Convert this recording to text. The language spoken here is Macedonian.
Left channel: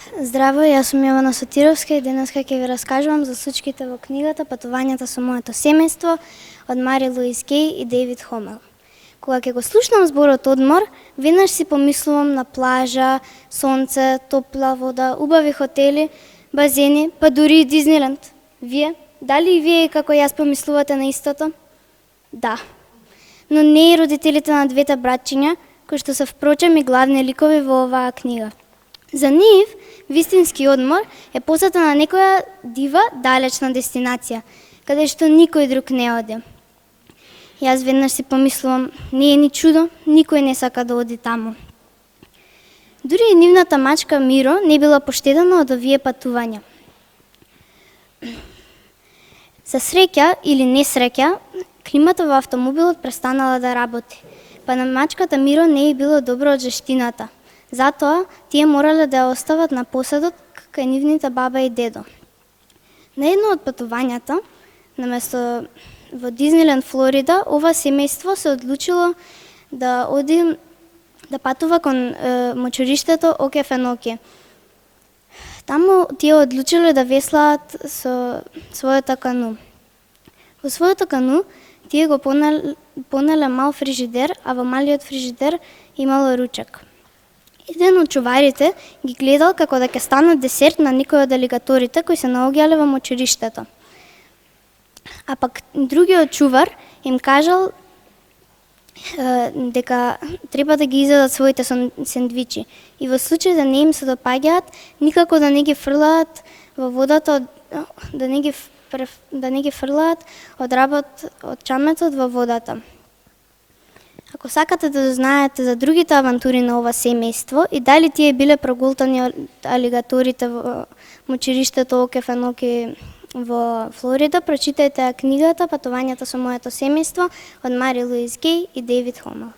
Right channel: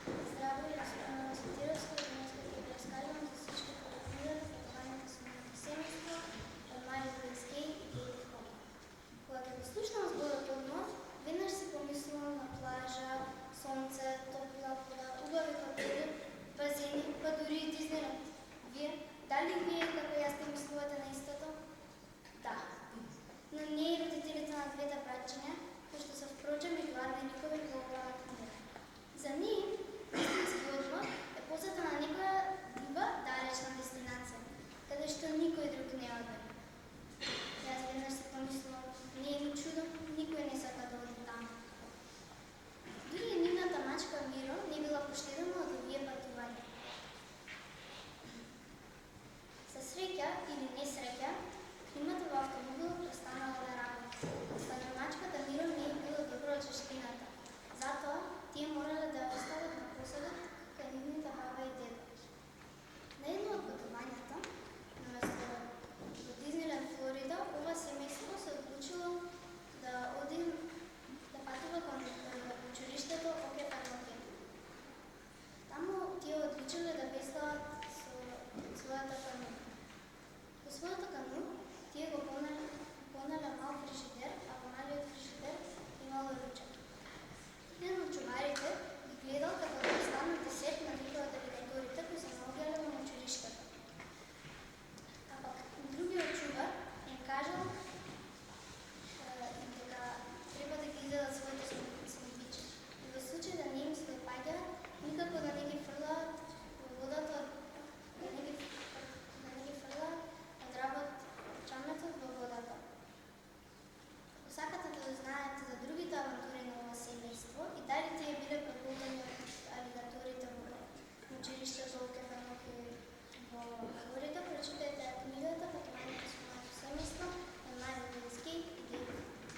Здраво, јас сум Јована Сотировска и денеска ќе ви раскажувам за случките во книгата Патувањата со моето семејство од Мари Луис Геј и Дејвид Хомел. Кога ќе го слушнам зборот одмор, веднаш си помислувам на плажа, сонце, топла вода, убави хотели, базени, па дури и Дизниленд. Вие? Дали и вие како јас помислувате на истото? Да. Но не и родителите на двете братчиња, кои што се впрочем и главни ликови во оваа книга. За нив, вистински одмор е посета на некоја дива, далечна дестинација, каде што никој друг не оди. Јас веднаш си помислувам, не е ни чудо, никој не сака да оди таму. Дури и нивната мачка Миро не била поштедена од овие патувања. За среќа или несреќа, климата во автомобилот престанала да работи, па на мачката Миро не е било добро од жештината. Затоа, тие морале да ја остават на поседот кај нивните баба и дедо. На едно од патувањата, наместо во Дизниленд, Флорида, ова семејство се одлучило да оди да патува кон мочуриштето Оке Феноке. Таму тие одлучиле да веслаат со својата кану. Во својото кану тие го понеле мал фрижидер, а во малиот фрижидер имало ручек. Еден од чуварите ги гледал како да ќе станат десерт на некој од алигаторите кои се наоѓале во мочуриштето. А пак другиот чувар им кажал дека треба да ги изедат своите сендвичи и во случај да не им се допаѓаат, никако да не ги фрлаат во водата, да не ги фрлаат од чаметот во водата. Ако сакате да знаете за другите авантури на ова семејство и дали тие биле прогултани од алигаторите во мочуриштето Оке Феноке во Флорида, прочитајте книгата Патувањата со моето семејство од Мари Луис Геј и Дејвид Хомел.